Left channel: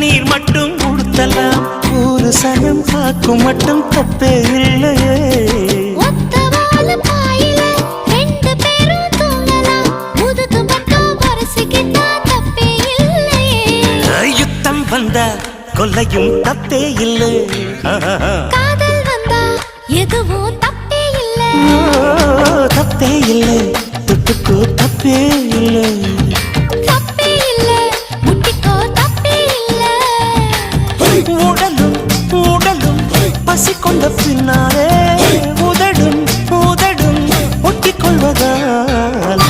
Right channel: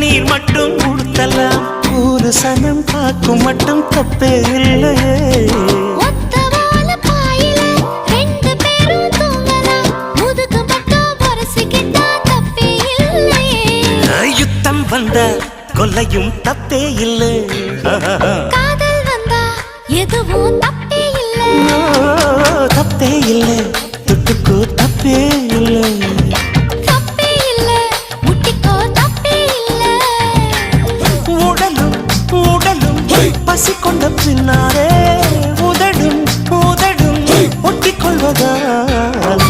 கண்ணீர் மட்டும் உடுத்தலாம், ஒரு சனம் காக்கும் மட்டும் தப்பே இல்லையே. ஒத்தவால பாயில ரெண்டு பேரும் தூங்கலாம், முதுகு மட்டும் பொரசிக்கிட்டா தப்பே இல்லையே. யுத்தம் வந்தா கொல்லையும் தப்பே இல்லை, காதல் வந்தா எதுவும் தப்பே இல்லை. தப்பே இல்லை, தொட்டுக்கோ தப்பே இல்லை, தப்பே இல்லை, முட்டிக்கோ தப்பே இல்லை. உடலும் உடலும் பசி கொண்ட பின்னாலே உதடும் உதடும் ஒட்டிக்கொள்வதால்